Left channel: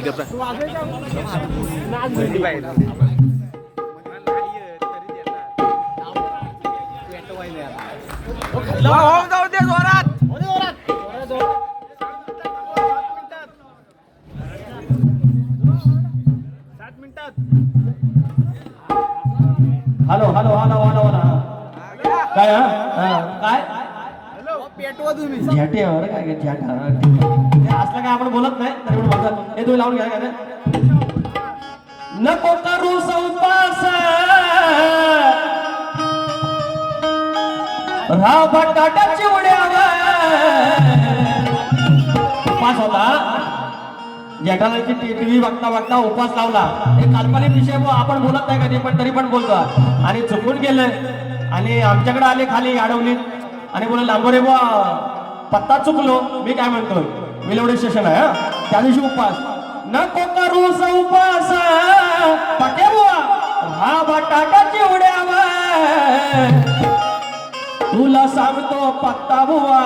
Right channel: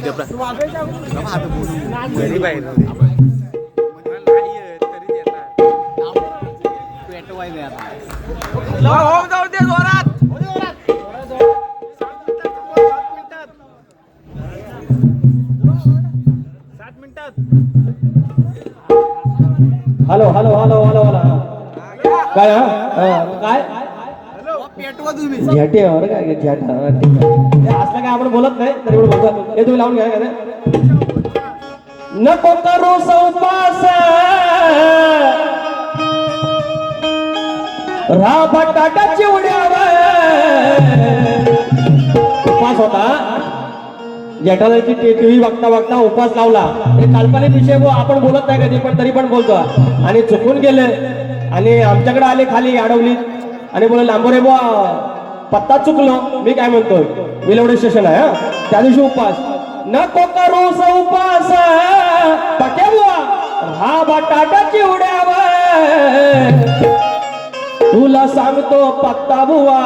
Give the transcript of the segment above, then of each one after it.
ठीक आहे होम जाऊ दे जोरात. Hello hello hello hello hello. काय हा? हा, झेटे बरं काय झेट हा. हे असलं काय आपण बोलत नाही तरी पण बोलतो हे तुम्ही लावून घ्या रे? नको करू सौपास उपास होता. जेठालाची टीव्ही बघता बघता उपवास लावला. हे काल्पनिक विषय बुवा आपण बोलत नाही कधी पण तरी पण बोलतो आणि चुकून गेले. आणि आमच्याकडे आले खाली अडवली आणि बोल लांबोरे बुवा. पत्ता चुकलो. मी काय म्हणतो विलवडे स्टेशन आहे हा? त्या दिवशी उपवास नको करू उपवास पक्या बुवा. हा बटाटा चिवड्यावर. तुला सांगतो पत्ता बुवा.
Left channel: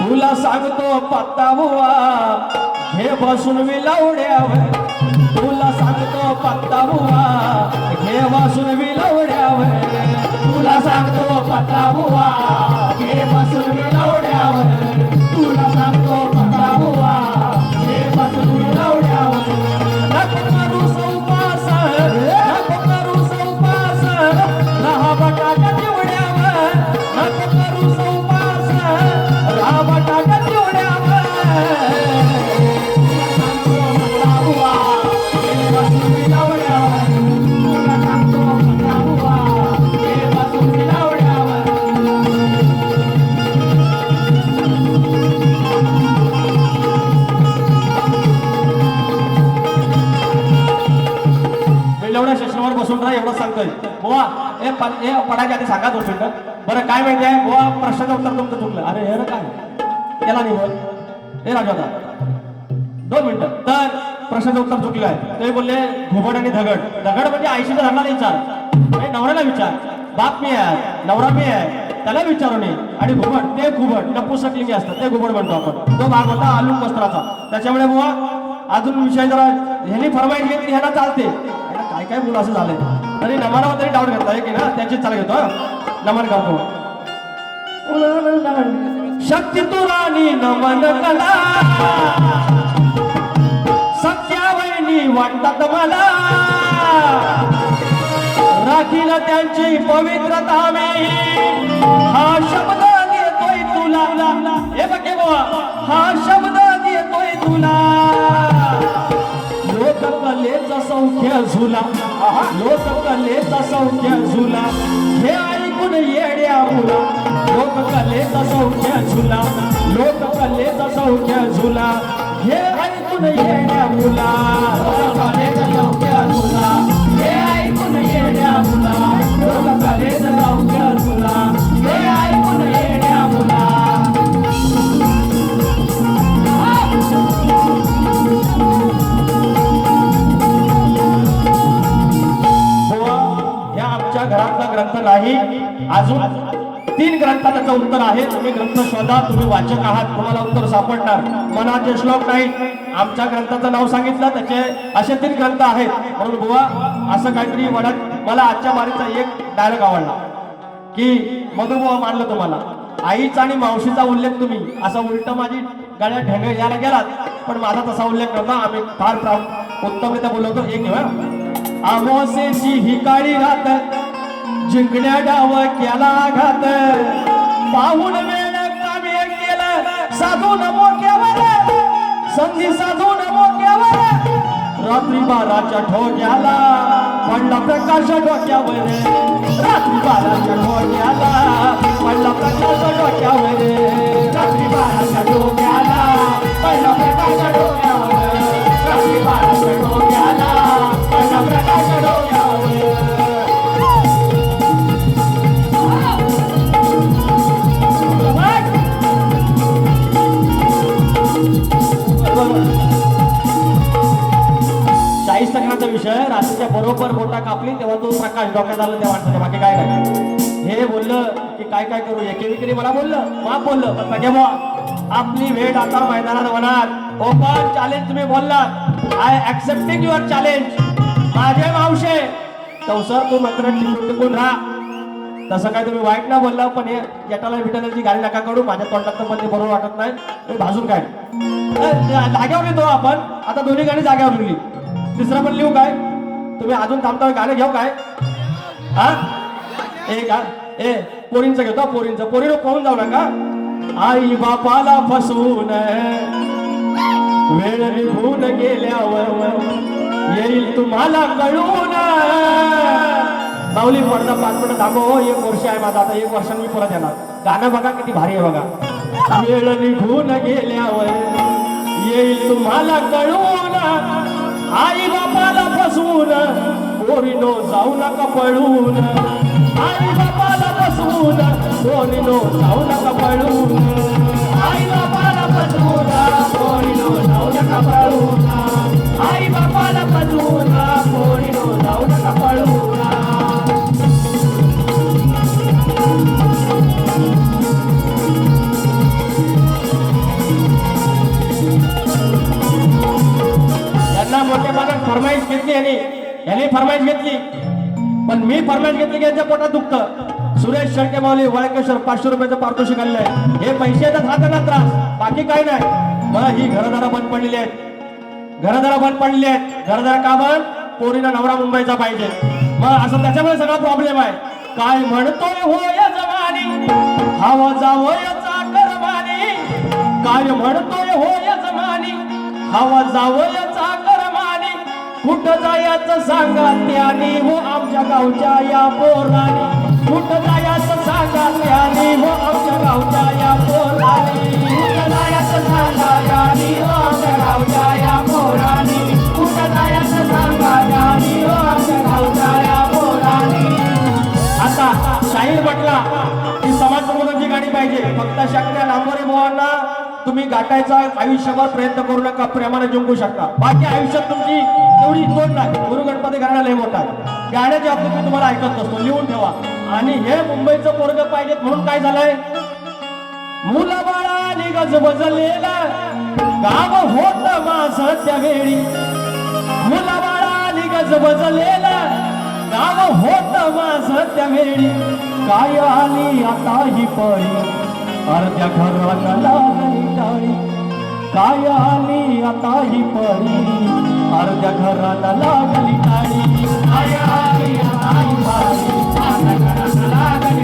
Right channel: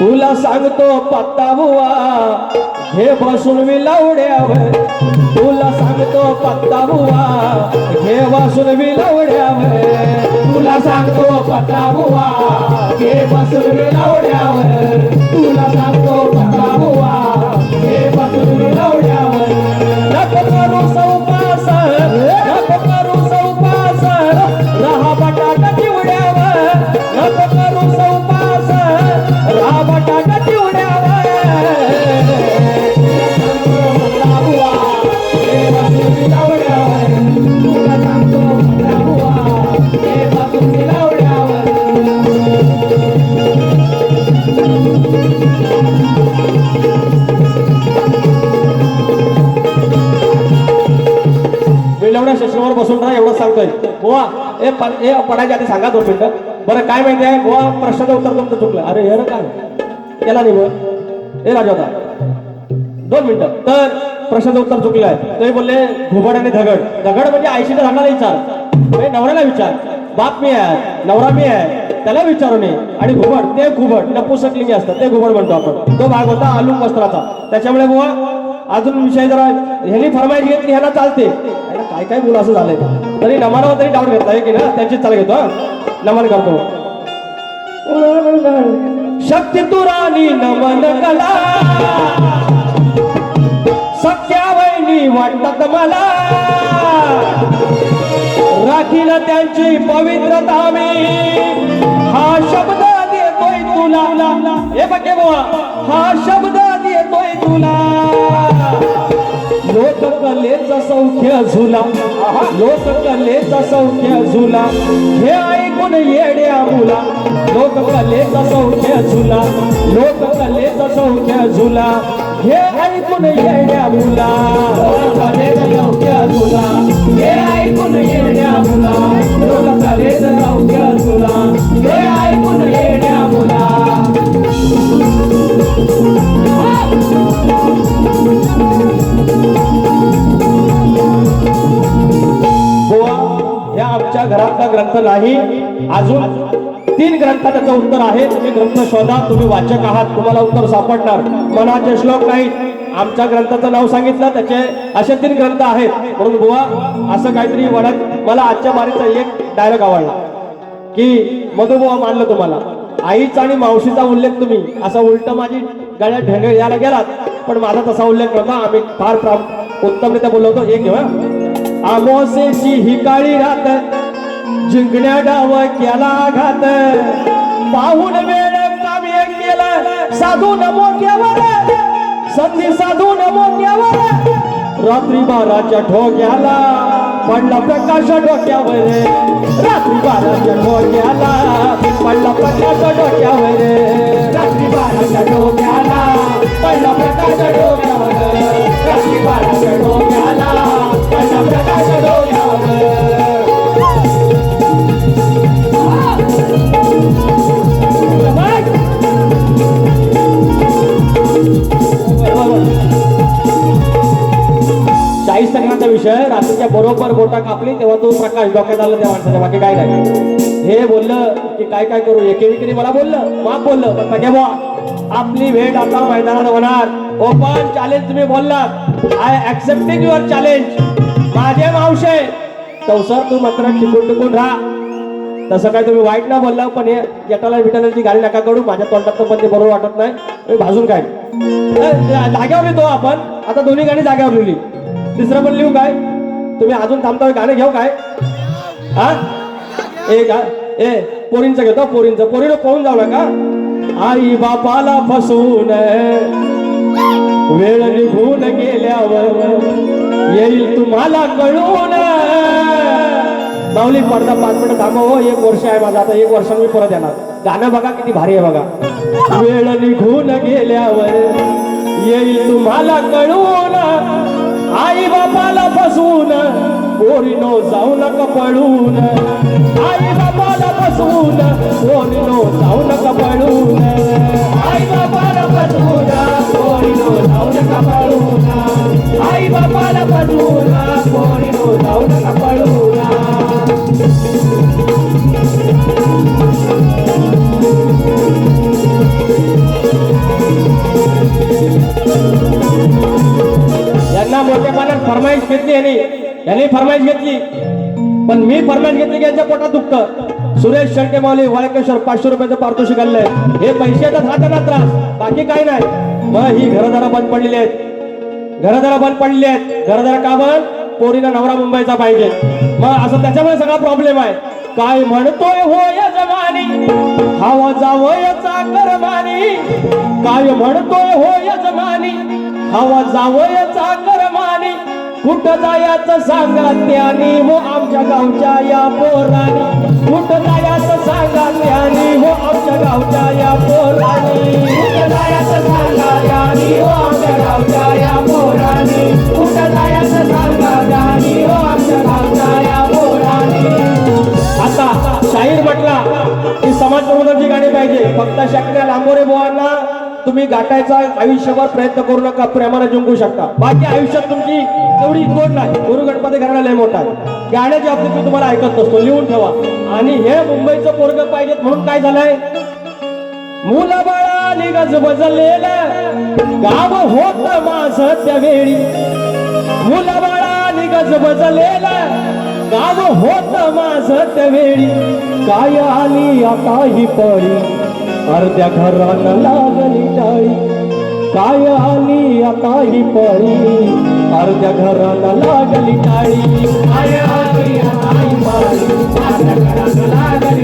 तुला सांगतो पत्ता बुवा. हे बसून मी लावड्यावर तुला सांगतो पत्ता बुवा. हे बसून मी हे बसून ना एवढं सांगतोय. बुवा हे प- हे पडायच्या आधी सांगा दोन मिनिटं. बरं काय माहिती आहे? बुवा प्रश्नाचं उत्तर तुमचं चुकलं. अरे हे काय? केला नाही बरं हे राजा दोन मिनिटं. तर प्रश्नाचं उत्तर चुकलं आहे. ते बोलले घुबड आणि दगड दगड म्हणजे आयशीचा धरणाला विचार. म्हणजे नवऱ्याला विचार. बाप मी आहे नवरा मी आहे त्याला विचारू नये. आणि घुबड ते घुबड नपुसकलिंगी असतात ते घुबड म्हणतो आपण. तो भाग होता आलू वस्त्राचा त्याच्यामुळे बुवा अजून विषय जरा ह्यानी फरमाईश घेतली ह्याला चालते. काय काय मुलं असं झालंय. तरी नमानावर तरी डाऊट घेतला की ना? त्यांची चाल घेतो हा? नमन करतो. शक्ती तुरानी नमन कला लोककलेचं सौख्य झुला हे ऐकून येड्या मुला लोककलेचं सौख्य झुला लोककलेचं ग्रंथ नाही. अजून तीन ग्रंथ त्याचं उत्तर आहे. तुम्ही ग्रंथ शोधा तुम्ही वाचक आहात तुम्हाला उत्तर सापडणार. मनाचे श्लोक नाही. आमच्या ग्रंथाचं नाव सांगितलं त्याचे असे तीन ग्रंथ आहेत. म्हणून बुवा असं काहीतरी वडत मला आजच्या बारीचा एक डायलॉग आवडला. की मधुबुवा मानलं तुम्हाला. आईचा आणि मावशीचा उल्लेख तुम्ही. असा उलट माझी गळ्या ढेंगे यायला गेलात. पण माझा तसा उल्लेख नव्हता आम्ही फार फार उत्तमरित्या बोलवतो एक घेऊया अमोसेची ही काळी रात जिंकल्या डाव केला घात. पाहून वेळ काव्य केलं. साधू नमो केवर संधी साधू नमो केवर रात्री बाराच्या ठोक्याला पडला प्रकाश डोक्यावर. रात्री बाराच्या ठोक्याला पडला प्रकाश डोक्यावर. रात्री बाराच्या ठोक्या आला बाकी काय नाही हे बोललं की काय काय करू? एके विक्री मला बोललं मा बोललं. पण बघ्या बुवा आपली भेट आता मैदानात होणार. ओपन चॅलेंज तुम्ही बोललात. आय ऍक्सेप्टिंग युअर चॅलेंज माझे मावशे कौसर तू मात्र टिकून टिकून राहा. तसं काय तुम्ही वाईट ना बोलला पण हे जटाला विटालाची गाडी नका करू माझ्या तोंडात पण ते बरोबर वाटत नाही. मी भाजून काय जाग्यावर लिहितो आपण. आता दोन्ही गाणी जाग्यावर लिहिली तिसरं पण लिहू काय? तुम्ही अजून थांबता गाणे घेऊ काय? हा? ए का ए पोरींचं घेतो पोरींचं. पोरीनं पाहून जाऊ नका. आई बापाला फसवून वेळ निघून गेल्यावर येईल तुम्हाला कळून. माऊली पडदा पाच मिनिट थांबव हो, एक वर्ष आहे माझा. आता एक वर्षाने मी परत येणार. गाणं बघा किती भारी आहे बघा. वेळ निघून गेल्यावर येईल तुम्हाला कळून. पोरीनो जाऊ नका पळून? आई बाबाला फसवून पोरीनो जाऊ नका पळून? आई बाबाला फसवून पोरीनो जाऊ नका पळून? आई बाबाला फसवून पोरीनो जाऊ नका पळून? यांना मोठेपणा फरमाईश घेतली आणि यांनी फरमाईश घेतली. पण मी फरमाईश घेतली की यांच्या पोटात दुखतं. सुरेश शेळके माऊली वाळकेश्वर पाचशे रुपयाचं पारितोषिक आणलंय. हे पैशाचा हाताला त्रास. बाकी काय नाही. मग ही घरदारा बंद पडलेली आहेत. घरदारा बंद पडलेली आहेत. घरदार का बंद पोरीला नवरा मुंबईचा पाहिजे. मग असं त्याच्यामुळे सगळा प्रॉब्लेम आहे. काय म्हणतोय होय जमानी हवा जावयाचा करमानी. काय म्हणतोय होय जमानी हवा जावयाचा करमानी. कुठं जायचं सांगा त्याने हो आमच्या गावच्या या पोराने. कुठं जायचं सांगा त्याने हो आमच्या गावच्या या पोराने. कुठं जायचं सांगा हो आमच्या गावच्या या कुठं जायचं सांगा हो आमच्या गावच्या या आता शाहीर म्हटला की समाज प्रबोधनाची गाडी पाहिजे. फक्त शक्य डांगोरे बुवांना तुम्ही गाठायचा आयुष्यभर प्रयत्न करू नका प्रेमाने जिंकू शकता. बाकी आयुष्यात तेवढी तोड नाही. गुरु गणपती घराला लय मोठा आहे. गाण्याची मी तुम्हाला ऐकत नसतो लिहून ठेवा. आणि हे मुंबईचं पोरग पाहिजेत म्हणून काय झालंय? मुला बाळा निगज बजलेला गाव होत माझ त्यावेळी मुला बाळा निगज बजलेला गाव होत माझ त्यावेळी काय आली आता ही पळी अर्ध्या घराला लागली टाळी काय आली आता ही पळी? अर्ध्या घराला लागली काळी काय आली आता ही पळी? अर्ध्या घराला लागली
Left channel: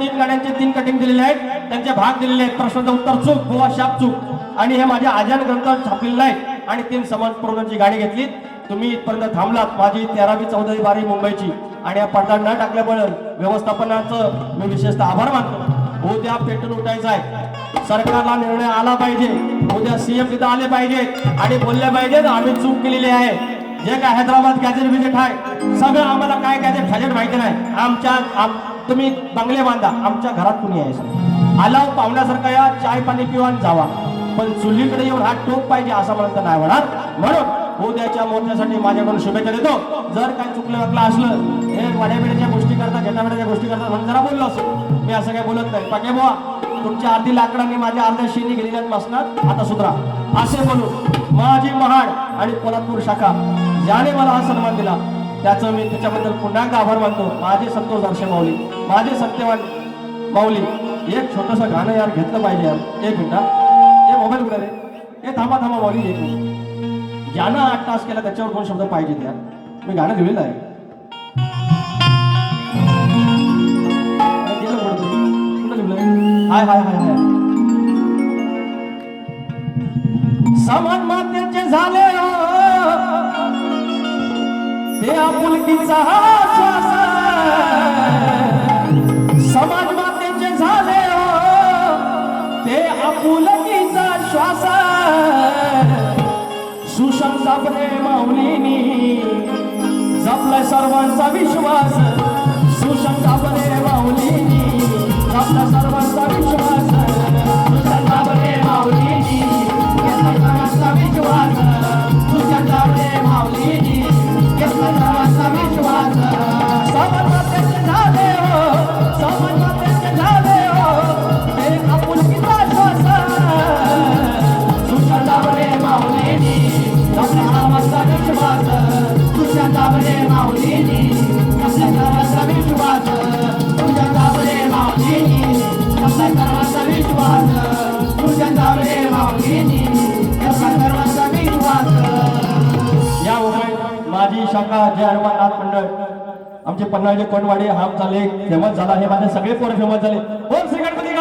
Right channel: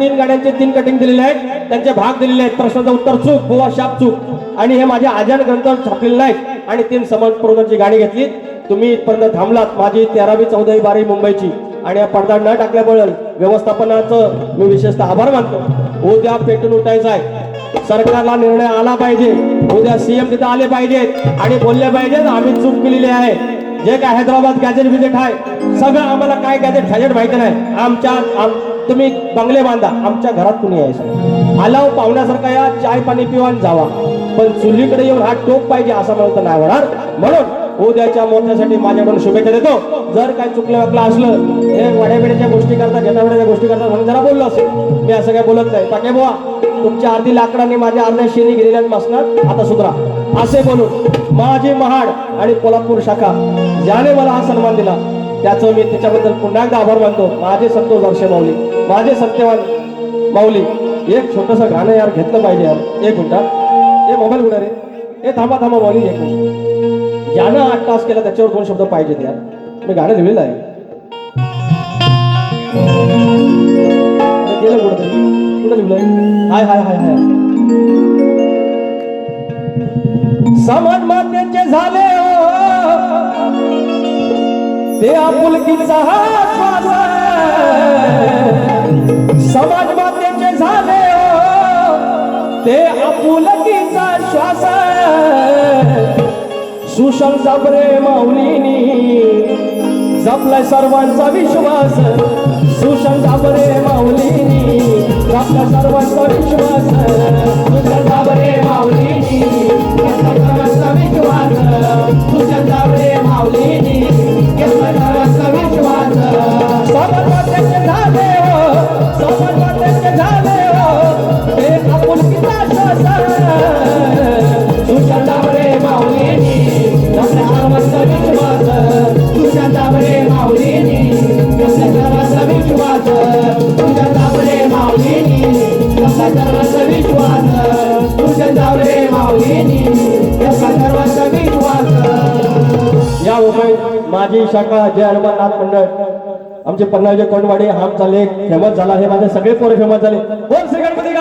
तीन गाड्यांचे तीन कटिंग दिलेले आहेत. त्यांचे भाग दिलेले आहेत. प्रश्नाचं उत्तर चूक बुवा शाप चूक. आणि हे माझे आजान ग्रंथावर छापलेले नाहीत आणि तीन समाज प्रबोधनाची गाणी घेतली. तुम्ही इथपर्यंत थांबलात. माझी तेरावी चौदावी बारावी मुंबईची. आणि या पडदा न टाकल्यामुळे व्यवस्थापनाचं मी विशेषतः आभार मानतो. उद्या पेटून उठायचं आहे. सरकारला निर्णय आला पाहिजे. उद्या सीएम तिथे आले पाहिजेत. आणि बोलले पाहिजेत. आम्ही चूक केलेली आहे. जे काय हैदराबाद गॅजेट बिजेट आहे. सगळं आम्हाला काय गॅजेट फॅजेट माहिती नाही. आमच्या आम- तुम्ही बंगले बांधा आमच्या घरात कुणी यायचं आलाव पाहुण्यासारखा या चाय पाणी पिवान जावा. पण चुलीकडे येऊन हा टोप पाहिजे असं मला नाही होणार म्हणून उद्याच्या मोर्चासाठी माझ्याकडून शुभेच्छा देतो. जर काही चुकलं वाटलं असलं हे वाड्याबिड्याच्या गोष्टी करतात घेताबिड्याच्या गोष्टी करतात म्हणून जरा बोललो असेल. मी असं काही बोलत नाही. पाके बुवा तुमच्या अर्धी लाकडाने माझ्या अर्ध्या शेरी गेलेल्या मसणार आता सुधरा. असे बोलून माझे महाड आणि कोल्हापूर शाखा ज्याने मला हा सन्मान दिला त्याचं मी त्याच्याबद्दल पुन्हा एकदा आभार मानतो. माझे संतोष हर्षे माऊली. माझे सत्यवान माऊली. एक छोटस गाणं यार घेतलं पाहिजे यार. एक मिनटा हे. मोबाईल कुठे रे? हे थांबा थांबा माऊली एक मिनिट. ज्यानं आठ तास केला त्याच्यावर दोन शब्द पाहिजेत यार. मी गाणं लिहिलेलं आहे. केलं गेलं कुठं कुठं लिहिलंय? हाय हाय हाय हाय. समाज मातेचे झाले हो. ते आपुलकीचा श्वास सुशांचा प्रेम माऊलीनी जपलाय सर्वांचा विश्वास. सुशांचा प्रेम माऊलीनी जपलाय सर्वांचा विश्वास माझी शाखा जय हनुमान नाथ मंडळ. आमचे पन्नासचे कोटवाडी हा आमचा फेमस झाला हे माझे सगळे पोरे फेमस झाले. कोण श्री गणपती